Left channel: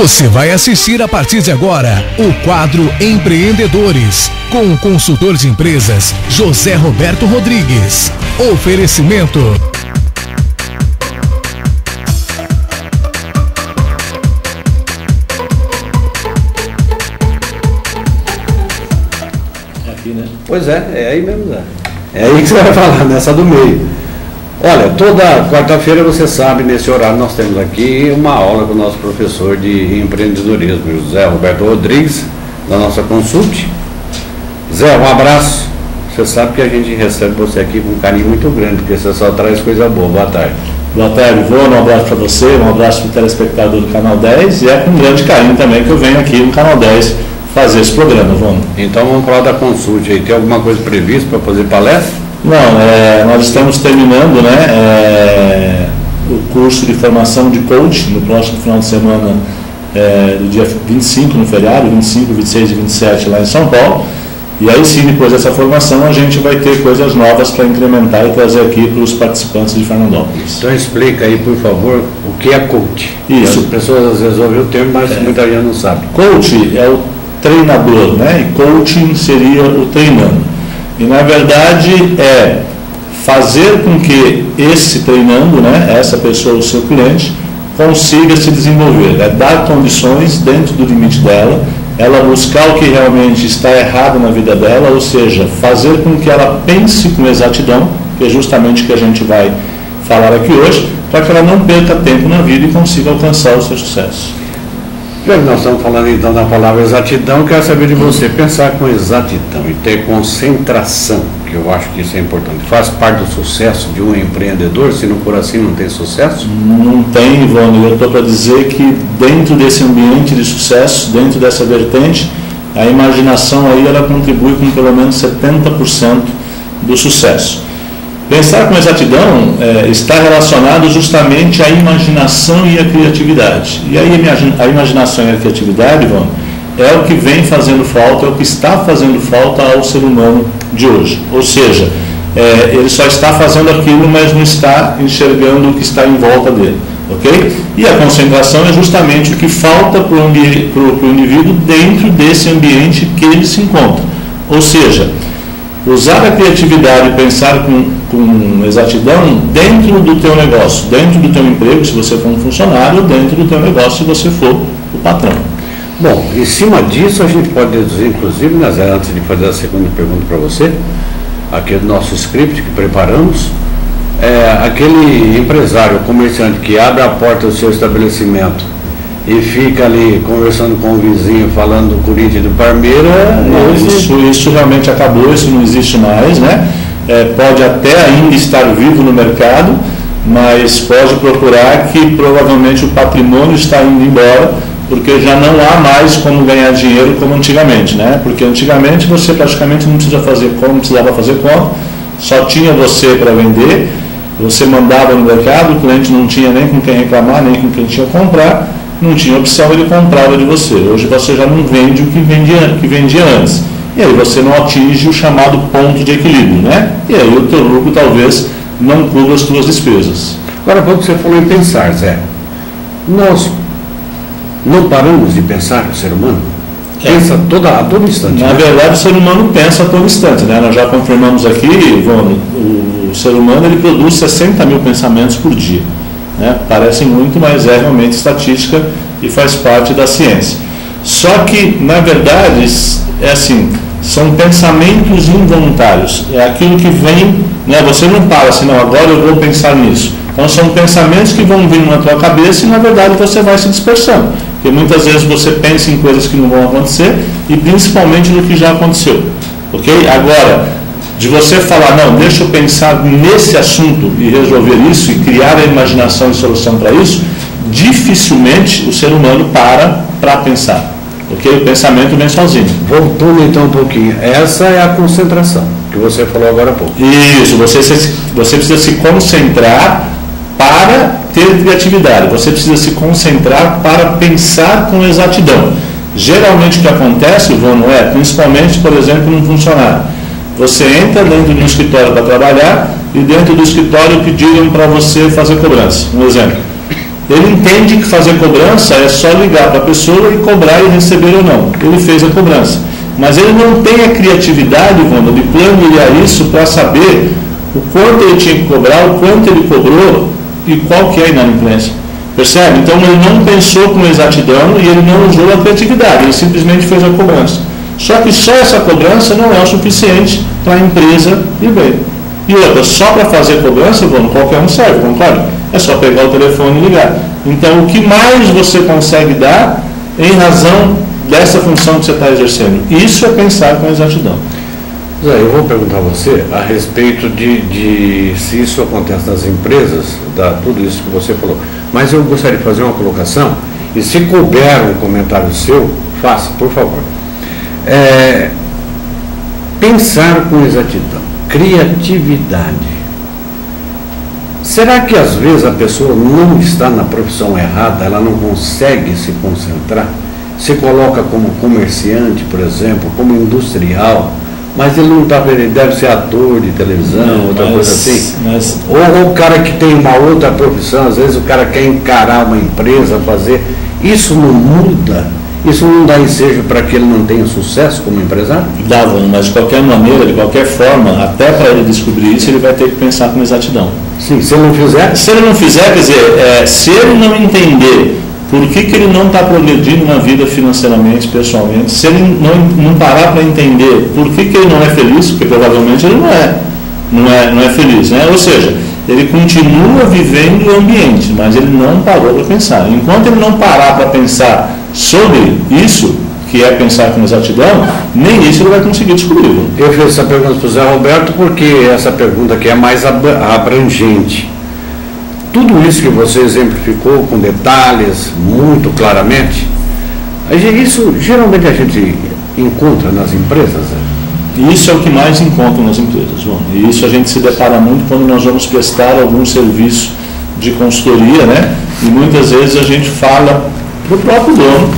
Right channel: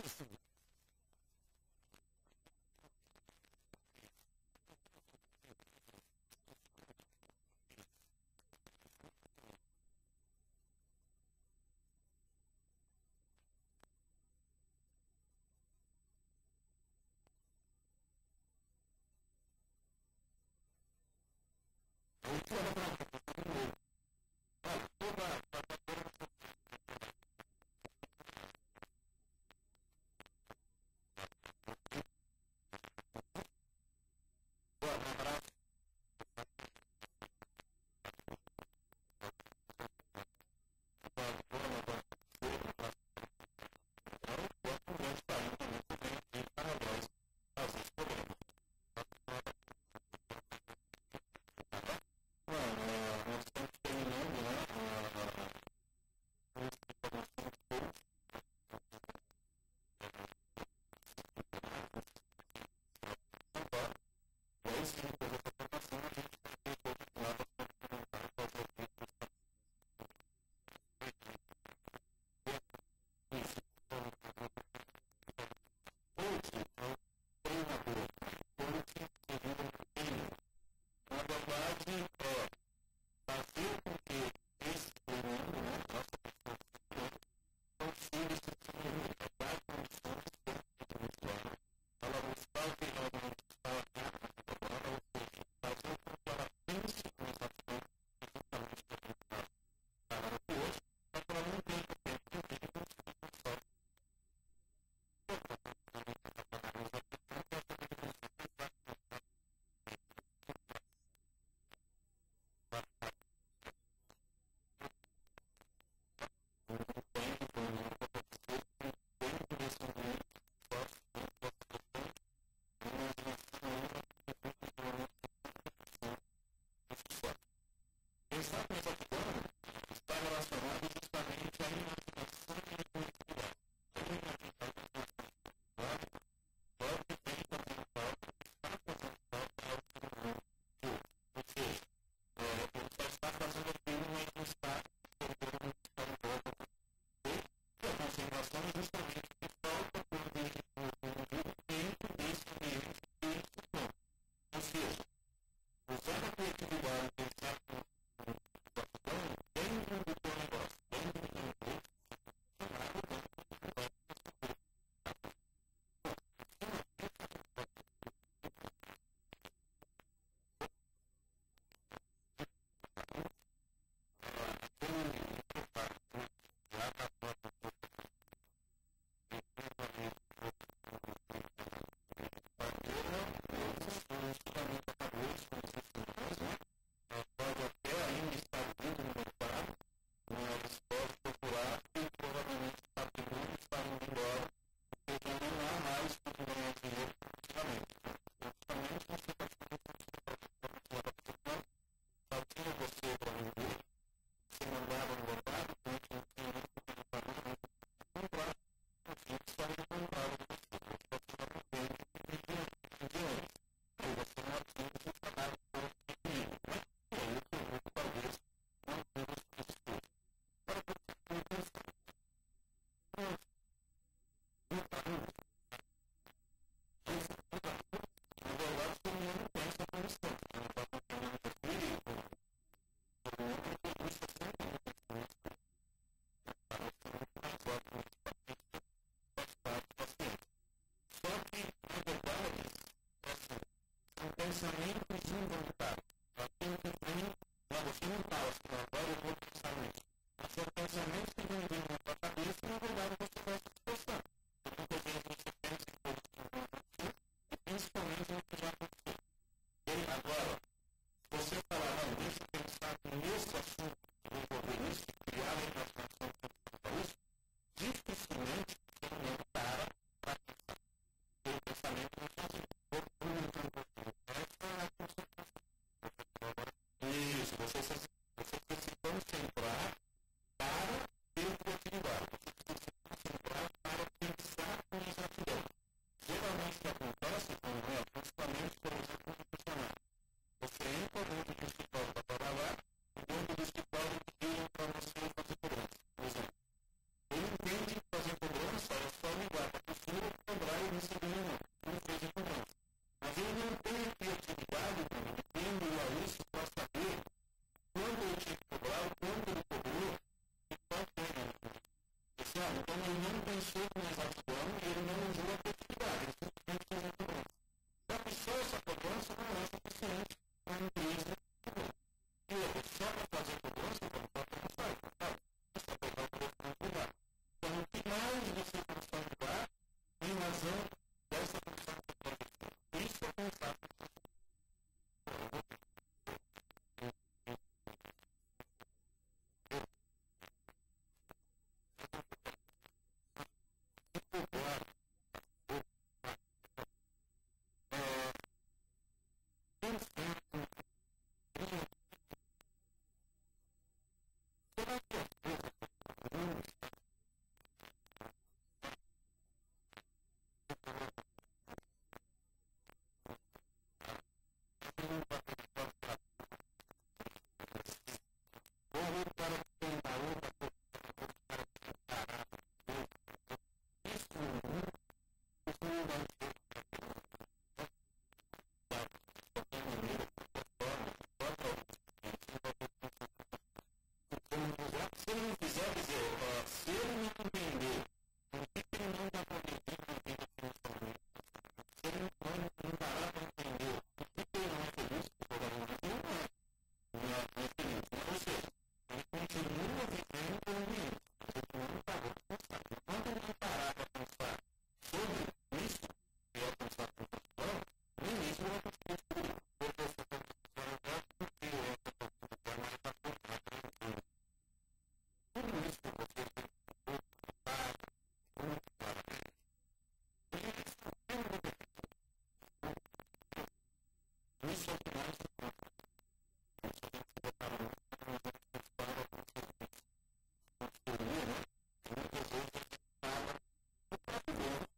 Você vai assistir a partir de agora o quadro Empreendedores, com o consultor de empresas José Roberto Rodrigues. Oferecimento. Aqui, né? Pois é aí mesmo, Zé. É aí que você vai falar, nessa do meio. Olha, toda quarta-feira, você sabe, nesse horário nós temos aqui uma aula com o nosso professor de empreendedorismo, José Roberto Rodrigues, da nossa Consult. Zé, um abraço. Você sabe que a gente recebe você aqui com um carinho muito grande, porque você só traz coisa boa. Boa tarde. Boa tarde, Ivone. Um abraço para você, um abraço para o telespectador do Canal 10, e é com grande carinho também que eu venho aqui no Canal 10 fazer esse programa, Ivone. Então vamos falar da Consult aí. Tem alguma coisa prevista para fazer palestra? Não, nós estamos terminando, o curso de formação de coach no próximo final de semana, do dia 25 no feriado, 25, 26 e 27 lá em São Paulo. E aí sim, depois dessa formação, a gente vai ter coisas novas para incrementar e trazer aqui para os participantes de Fernandópolis. Então explica aí, por favor, o que é coach. Isso. As pessoas às vezes ouvem o termo, mas muita gente não sabe. Coach é o treinador, e coaching seria o treinando. E na verdade é fazer com que esse treinando, essa pessoa, o seu cliente, consiga se desenvolver, é dar condições dentro do limite dela, ela buscar o que realmente está errado na vida dela, ou seja, fazer com que ela pense com exatidão, que é justamente o que a gente vai falar aqui hoje, para que ela não perca tempo na vida e consiga alcançar o seu sucesso. Nós estamos falando então da palavra exatidão. Quero saber de você, pensar com exatidão e ter concentração, que eu acho que isso é importante. Faz parte do sucesso de um empreendedor? Se não for assim, não tem sucesso? Não tem, Ivone. Eu estou para dizer que dentro desse ambiente de sucesso, dentro dessa vertente, a imaginação aí ela contribui com pelo menos 70% do sucesso. Pensar com exatidão está relacionado justamente à imaginação e à criatividade. E aí a imaginação e a criatividade, Ivone, é o que vem fazendo falta, é o que está fazendo falta ao ser humano de hoje. Ou seja, ele só está fazendo aquilo, mas não está enxergando o que está em volta dele. Ok? E a concentração é justamente o que falta para o indivíduo dentro desse ambiente que ele se encontra. Ou seja, usar a criatividade e pensar com exatidão dentro do teu negócio, dentro do teu emprego, se você for um funcionário, dentro do teu negócio, se você for o patrão. Bom, em cima disso a gente pode deduzir, inclusive, Nazaré, antes de fazer a segunda pergunta para você, aqui do nosso script que preparamos, aquele empresário, comerciante que abre a porta do seu estabelecimento e fica ali conversando com o vizinho, falando do Corinthians e do Palmeiras. Isso realmente acabou, isso não existe mais, pode até ainda estar vivo no mercado, mas pode procurar que provavelmente o patrimônio está indo embora, porque já não há mais como ganhar dinheiro como antigamente, porque antigamente você praticamente não precisava fazer conta, só tinha você para vender, você mandava no mercado, o cliente não tinha nem com quem reclamar, nem com quem tinha que comprar, não tinha opção, ele comprava de você. Hoje você já não vende o que vendia antes. E aí você não atinge o chamado ponto de equilíbrio, E aí o teu lucro talvez não cubra as tuas despesas. Agora, há pouco você falou em pensar, Zé. Nós não paramos de pensar o ser humano? Pensa a todo instante. Na verdade, o ser humano pensa a todo instante, Nós já confirmamos aqui, Ivone, o ser humano ele produz 60 mil pensamentos por dia. Parece muito, mas é realmente estatística e faz parte da ciência. Só que, na verdade, são pensamentos involuntários. É aquilo que vem, você não para assim, não, agora eu vou pensar nisso. Então, são pensamentos que vão vir na tua cabeça e, na verdade, você vai se dispersando. Porque muitas vezes você pensa em coisas que não vão acontecer e, principalmente, no que já aconteceu. Ok? Agora, de você falar, não, deixa eu pensar nesse assunto e resolver isso e criar a imaginação e solução para isso, dificilmente o ser humano para pensar. Ok? O pensamento vem sozinho. Voltando então um pouquinho, essa é a concentração que você falou agora há pouco. Isso, você precisa se concentrar para ter criatividade, você precisa se concentrar para pensar com exatidão. Geralmente o que acontece, Ivone, principalmente, por exemplo, num funcionário. Você entra dentro de um escritório para trabalhar e dentro do escritório pediram para você fazer cobrança. Um exemplo. Ele entende que fazer cobrança é só ligar para a pessoa e cobrar e receber ou não. Ele fez a cobrança. Mas ele não tem a criatividade, Wanda, de planilhar isso para saber o quanto ele tinha que cobrar, o quanto ele cobrou e qual que é a inadimplência. Percebe? Então ele não pensou com exatidão e ele não usou a criatividade, ele simplesmente fez a cobrança. Só que só essa cobrança não é o suficiente para a empresa ir bem. E outra, só para fazer cobrança, qualquer um serve, concorda? É só pegar o telefone e ligar. Então, o que mais você consegue dar em razão dessa função que você está exercendo? Isso é pensar com exatidão. Zé, eu vou perguntar a você a respeito de se isso acontece nas empresas, tudo isso que você falou. Mas eu gostaria de fazer uma colocação, e se couber um comentário seu, faça, por favor. Pensar com exatidão, criatividade. Será que às vezes a pessoa não está na profissão errada, ela não consegue se concentrar? Se coloca como comerciante, por exemplo, como industrial, mas ele não está, ele deve ser ator de televisão, outra coisa assim. Ou o cara que tem uma outra profissão, às vezes o cara quer encarar uma empresa, fazer. Isso não muda? Isso não dá ensejo para que ele não tenha sucesso como empresário? Dá, mas de qualquer maneira, de qualquer forma, até para ele descobrir isso, ele vai ter que pensar com exatidão. Sim, se ele não fizer? Se ele não fizer, quer dizer, se ele não entender por que ele não está progredindo na vida financeiramente, pessoalmente, se ele não parar para entender por que ele não é feliz, porque provavelmente ele não é feliz, né? Ou seja, ele continua vivendo o ambiente, mas ele não parou para pensar. Enquanto ele não parar para pensar sobre isso, que é pensar com exatidão, nem isso ele vai conseguir descobrir. Eu fiz essa pergunta para o Zé Roberto porque essa pergunta aqui é mais abrangente. Tudo isso que você exemplificou com detalhes, muito claramente, isso geralmente a gente encontra nas empresas? Isso é o que mais encontra nas empresas, João. E isso a gente se depara muito quando nós vamos prestar algum serviço de consultoria, né? E muitas vezes a gente fala para o próprio dono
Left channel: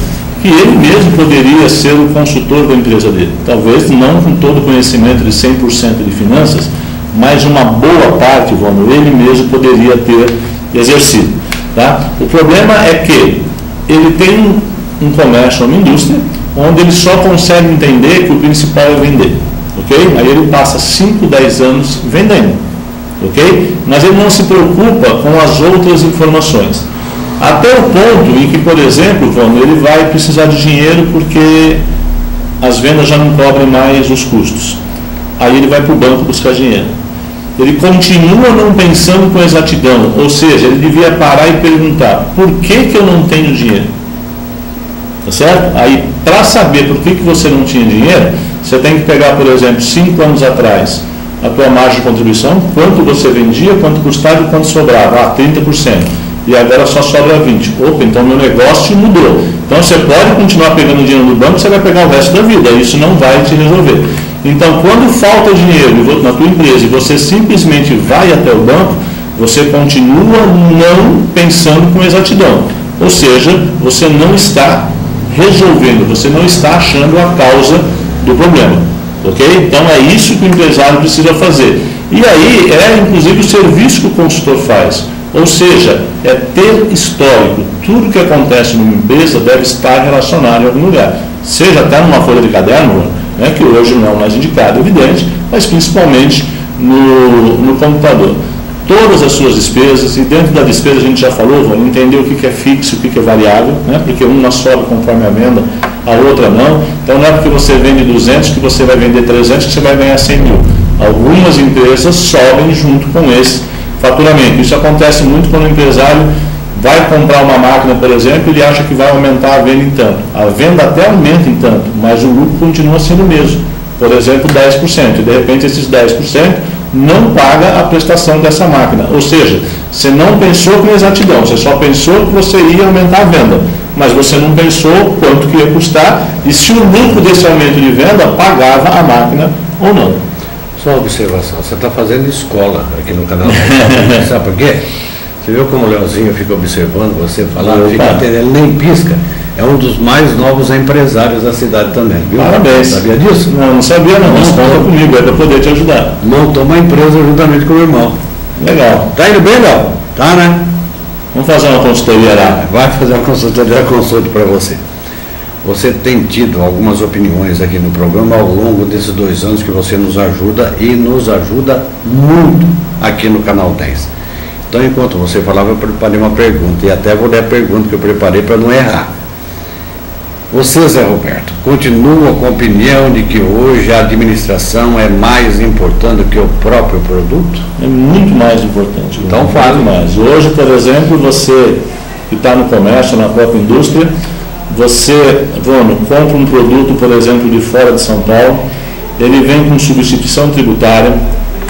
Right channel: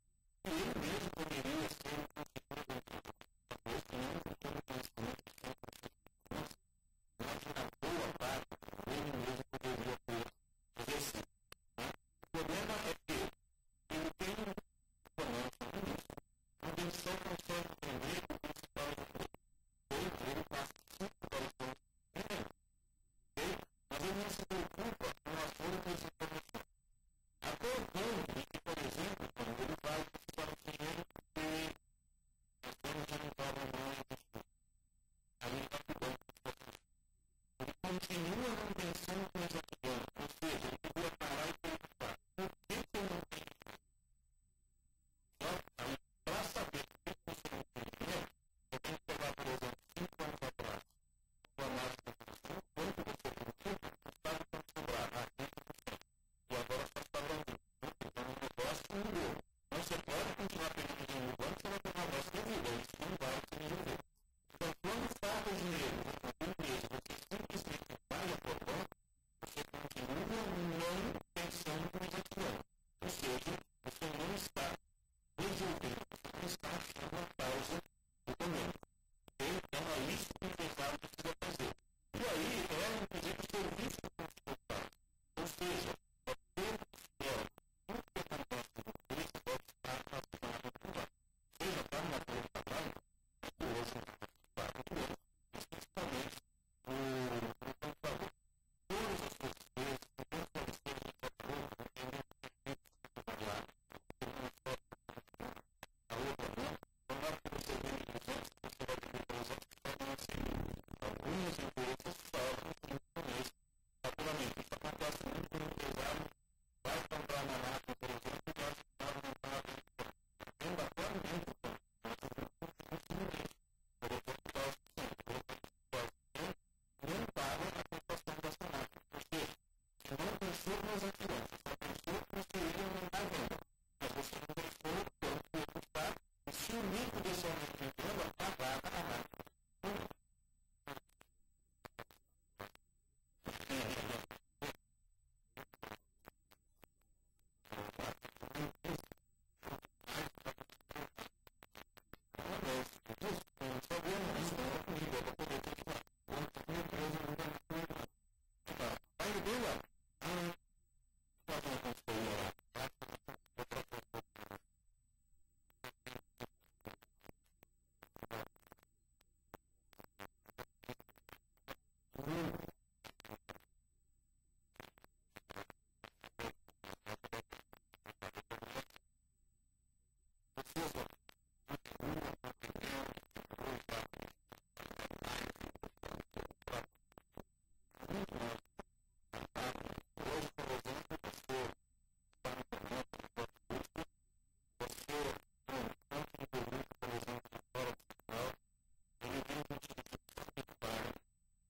que ele mesmo poderia ser o consultor da empresa dele. Talvez não com todo o conhecimento de 100% de finanças, mas uma boa parte, João, ele mesmo poderia ter exercido. Tá? O problema é que ele tem um comércio, uma indústria, onde ele só consegue entender que o principal é vender. Okay? Aí ele passa 5, 10 anos vendendo. Okay? Mas ele não se preocupa com as outras informações. Até o ponto em que, por exemplo, ele vai precisar de dinheiro porque as vendas já não cobrem mais os custos. Aí ele vai para o banco buscar dinheiro. Ele continua não pensando com exatidão, ou seja, ele devia parar e perguntar, por que eu não tenho dinheiro? Tá certo? Aí, para saber por que você não tinha dinheiro, você tem que pegar, por exemplo, 5 anos atrás, a tua margem de contribuição, quanto você vendia, quanto custava e quanto sobrava, 30%. E agora só sobra 20%. Opa, então meu negócio mudou. Então você pode continuar pegando dinheiro do banco, você vai pegar o resto da vida, isso não vai te resolver. Então, quando falta dinheiro na tua empresa e você simplesmente vai até o banco, você continua não pensando com exatidão. Ou seja, você não está resolvendo, você não está achando a causa do problema. Ok? Então, é isso que o empresário precisa fazer. E aí, inclusive o serviço que o consultor faz. Ou seja, é ter histórico. Tudo que acontece numa empresa deve estar relacionado em algum lugar. Seja até numa folha de caderno, né, que hoje não é o mais indicado, evidente, mas principalmente no computador. Todas as suas despesas, e dentro da despesa a gente já falou, vamos entender o que é fixo e o que é variável, né, porque uma sobe conforme a venda, a outra não. Então não é porque você vende 200 que você vai vender 300 que você vai ganhar 100 mil. Algumas empresas sobem junto com esse faturamento. Isso acontece muito quando o empresário vai comprar uma máquina, por exemplo, ele acha que vai aumentar a venda em tanto. A venda até aumenta em tanto, mas o lucro continua sendo o mesmo. Por exemplo, 10%. E de repente esses 10% não paga a prestação dessa máquina. Ou seja, você não pensou com exatidão, você só pensou que você ia aumentar a venda, mas você não pensou quanto que ia custar e se o lucro desse aumento de venda pagava a máquina ou não. Só uma observação, você está fazendo escola aqui no canal. Sabe por quê? Você viu como o Leozinho fica observando você falar, fica atendendo, ele nem pisca. É um dos mais novos empresários da cidade também, viu? Parabéns. Sabia disso? Não sabia não, mas conta comigo, é para poder te ajudar. Montou uma empresa juntamente com o irmão. Legal. Tá indo bem, Léo? Tá, né? Vamos fazer uma consultoria lá. Vai fazer uma consultoria, consulte para você. Você tem tido algumas opiniões aqui no programa ao longo desses 2 anos que você nos ajuda e nos ajuda muito aqui no Canal 10. Então, enquanto você falava, eu preparei uma pergunta, e até vou ler a pergunta que eu preparei para não errar. Você, Zé Roberto, continua com a opinião de que hoje a administração é mais importante do que o próprio produto? É muito mais importante. Então, fale mais. Hoje, por exemplo, você que está no comércio, na própria indústria, você, Vono, compra um produto, por exemplo, de fora de São Paulo, ele vem com substituição tributária,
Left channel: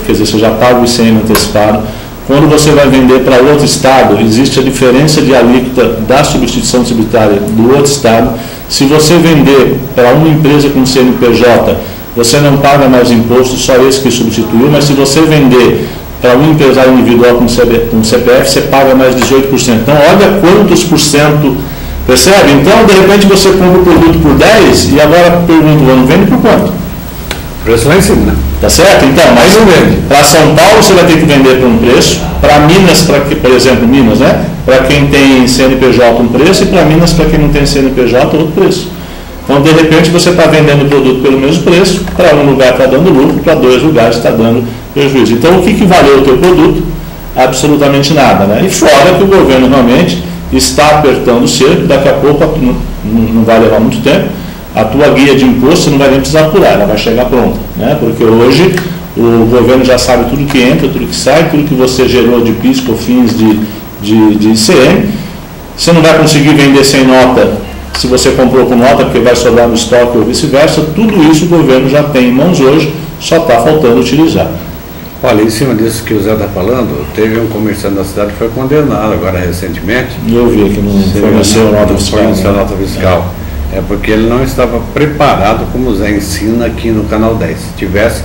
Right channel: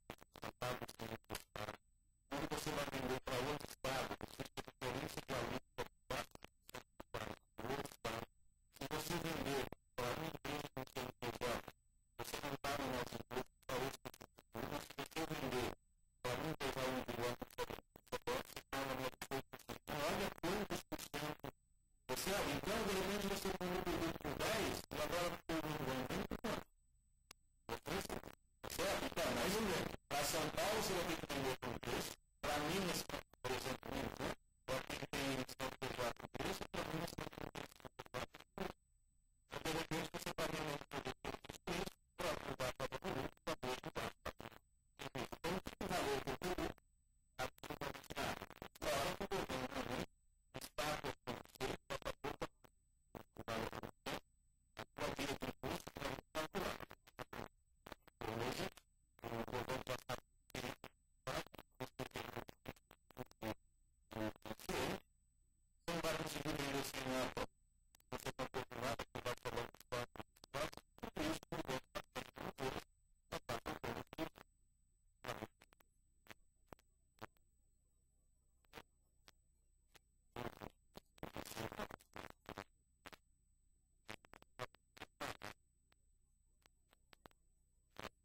quer dizer, você já paga o ICM antecipado. Quando você vai vender para outro estado, existe a diferença de alíquota da substituição tributária do outro estado. Se você vender para uma empresa com CNPJ, você não paga mais imposto, só esse que substituiu, mas se você vender para um empresário individual com CPF, você paga mais 18%. Então, olha quantos por cento. Percebe? Então, de repente, você compra o produto por 10 e agora pergunta, não vende por quanto? O preço lá em cima, né? Tá certo? Então, mas não vende. Para São Paulo, você vai ter que vender por um preço. Para Minas, por exemplo, Minas, né? Para quem tem CNPJ, um preço. E para Minas, para quem não tem CNPJ, outro preço. Então, de repente, você está vendendo o produto pelo mesmo preço. Para um lugar está dando lucro, para 2 lugares está dando prejuízo. Então, o que valeu o teu produto? Absolutamente nada, né? E fora que o governo realmente está apertando o cerco, daqui a pouco, não vai levar muito tempo, a tua guia de imposto você não vai nem precisar apurar, ela vai chegar pronta, né? Porque hoje o governo já sabe tudo que entra, tudo que sai, tudo que você gerou de PIS, COFINS, de ICM. Você não vai conseguir vender sem nota se você comprou com nota, porque vai sobrar no estoque ou vice-versa. Tudo isso o governo já tem em mãos hoje, só está faltando utilizar. Olha, em cima disso que o Zé está falando, teve um comerciante da cidade que foi condenado agora recentemente. Eu vi que não forneceu nota fiscal. Forneceu nota fiscal. É porque ele não estava preparado, como o Zé ensina aqui no Canal 10. Se tivesse,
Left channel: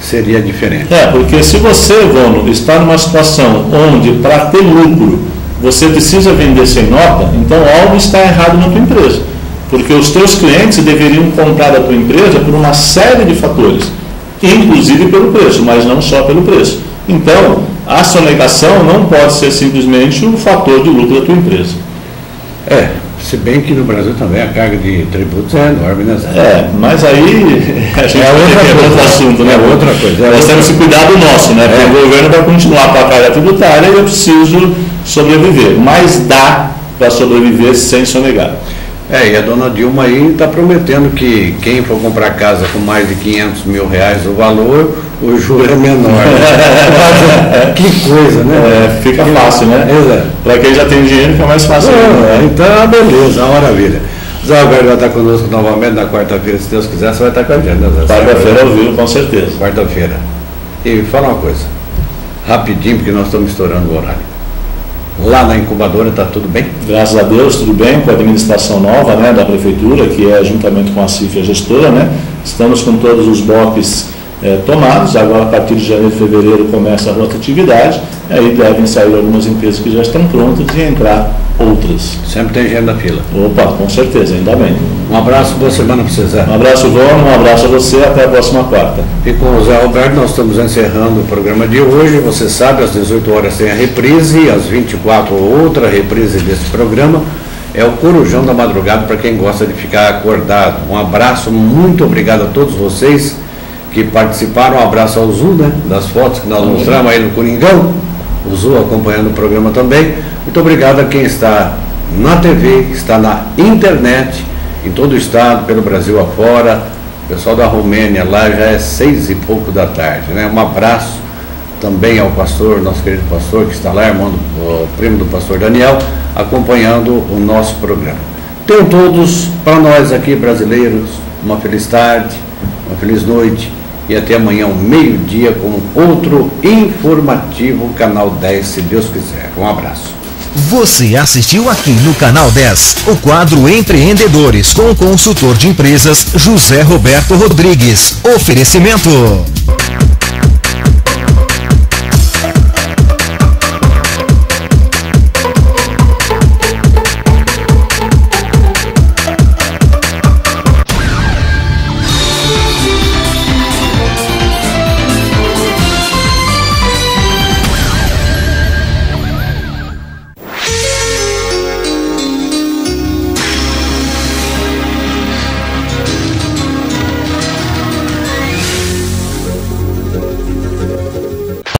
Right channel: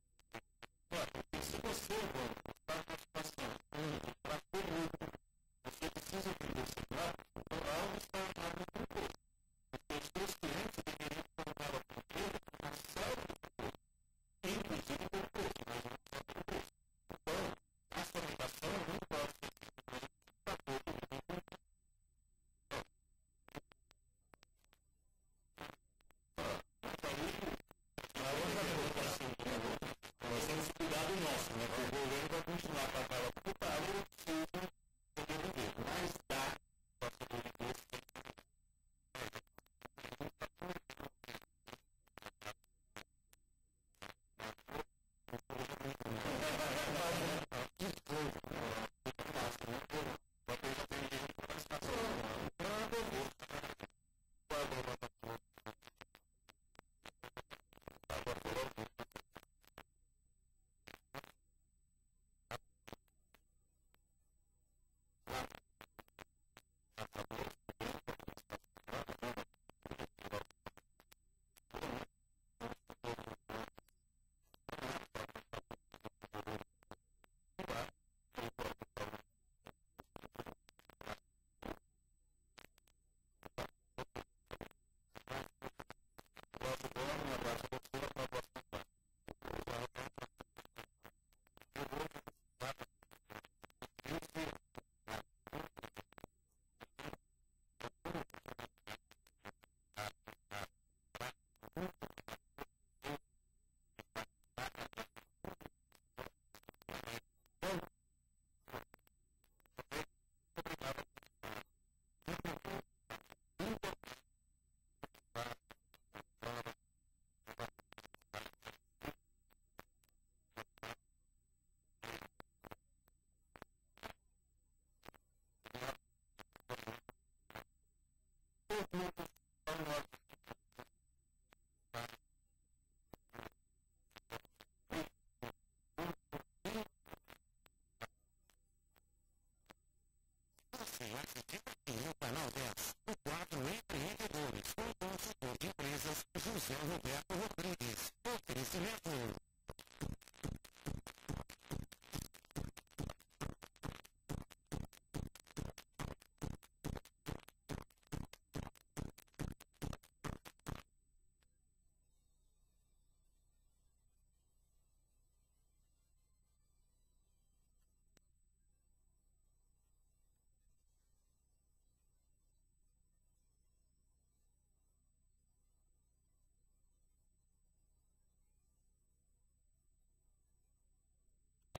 seria diferente. Porque se você, Vono, está numa situação onde, para ter lucro, você precisa vender sem nota, então algo está errado na tua empresa. Porque os teus clientes deveriam comprar da tua empresa por uma série de fatores, inclusive pelo preço, mas não só pelo preço. Então, a sonegação não pode ser simplesmente um fator de lucro da tua empresa. Se bem que no Brasil também a carga de tributos é enorme, né? Mas aí a gente outro assunto, né? É outra coisa. Nós temos que cuidar do nosso, né? Porque o governo vai continuar com a carga tributária e eu preciso sobreviver. Mas dá para sobreviver sem sonegar. E a dona Dilma aí está prometendo que quem for comprar casa com mais de R$500 mil o valor, o juro é menor. Né? Que coisa, né? Fica fácil, né? Exato. Para quem já tem dinheiro, fica mais fácil. Então, beleza, maravilha. Zé Alberto vai estar conosco novamente na quarta-feira, se Deus quiser, você vai estar com a gente, né, Zé? Quarta-feira ao vivo, com certeza. Quarta-feira. E fala uma coisa, rapidinho, porque nós estamos estourando o horário. Lá na incubadora está tudo bem? Graças a Deus, tudo bem, com a administração nova, né, da prefeitura, que é juntamente com a CIF, a gestora, né? Estamos com todos os blocos tomados, agora a partir de janeiro e fevereiro começa a rotatividade, aí devem sair algumas empresas que já estão prontas e entrar outras. Sempre tem gente na fila. Opa, com certeza, ainda bem. Um abraço, boa semana para você, Zé. Um abraço, Vono, um abraço a você, até a próxima quarta. E com o Zé Roberto nós estamos encerrando o programa de hoje. Você sabe, às 18 horas tem a reprise, às 24 outra reprise desse programa. É o Corujão da Madrugada para quem gosta de ficar acordado. Um abraço, muito obrigado a todos vocês que participaram. Um abraço ao Zu, né, das fotos que nós mostramos aí no Coringão. O Zu acompanhando o programa também. Muito obrigado a quem está na TV, está na internet, em todo o estado, pelo Brasil afora. O pessoal da Romênia lá já é 6 e pouco da tarde, né? Um abraço também ao pastor, nosso querido pastor que está lá, irmão o primo do pastor Daniel, acompanhando o nosso programa. Tenham todos, para nós aqui brasileiros, uma feliz tarde, uma feliz noite e até amanhã, ao meio-dia, com outro informativo Canal 10, se Deus quiser. Um abraço. Você assistiu aqui no Canal 10 o quadro Empreendedores com o consultor de empresas José Roberto Rodrigues. Oferecimento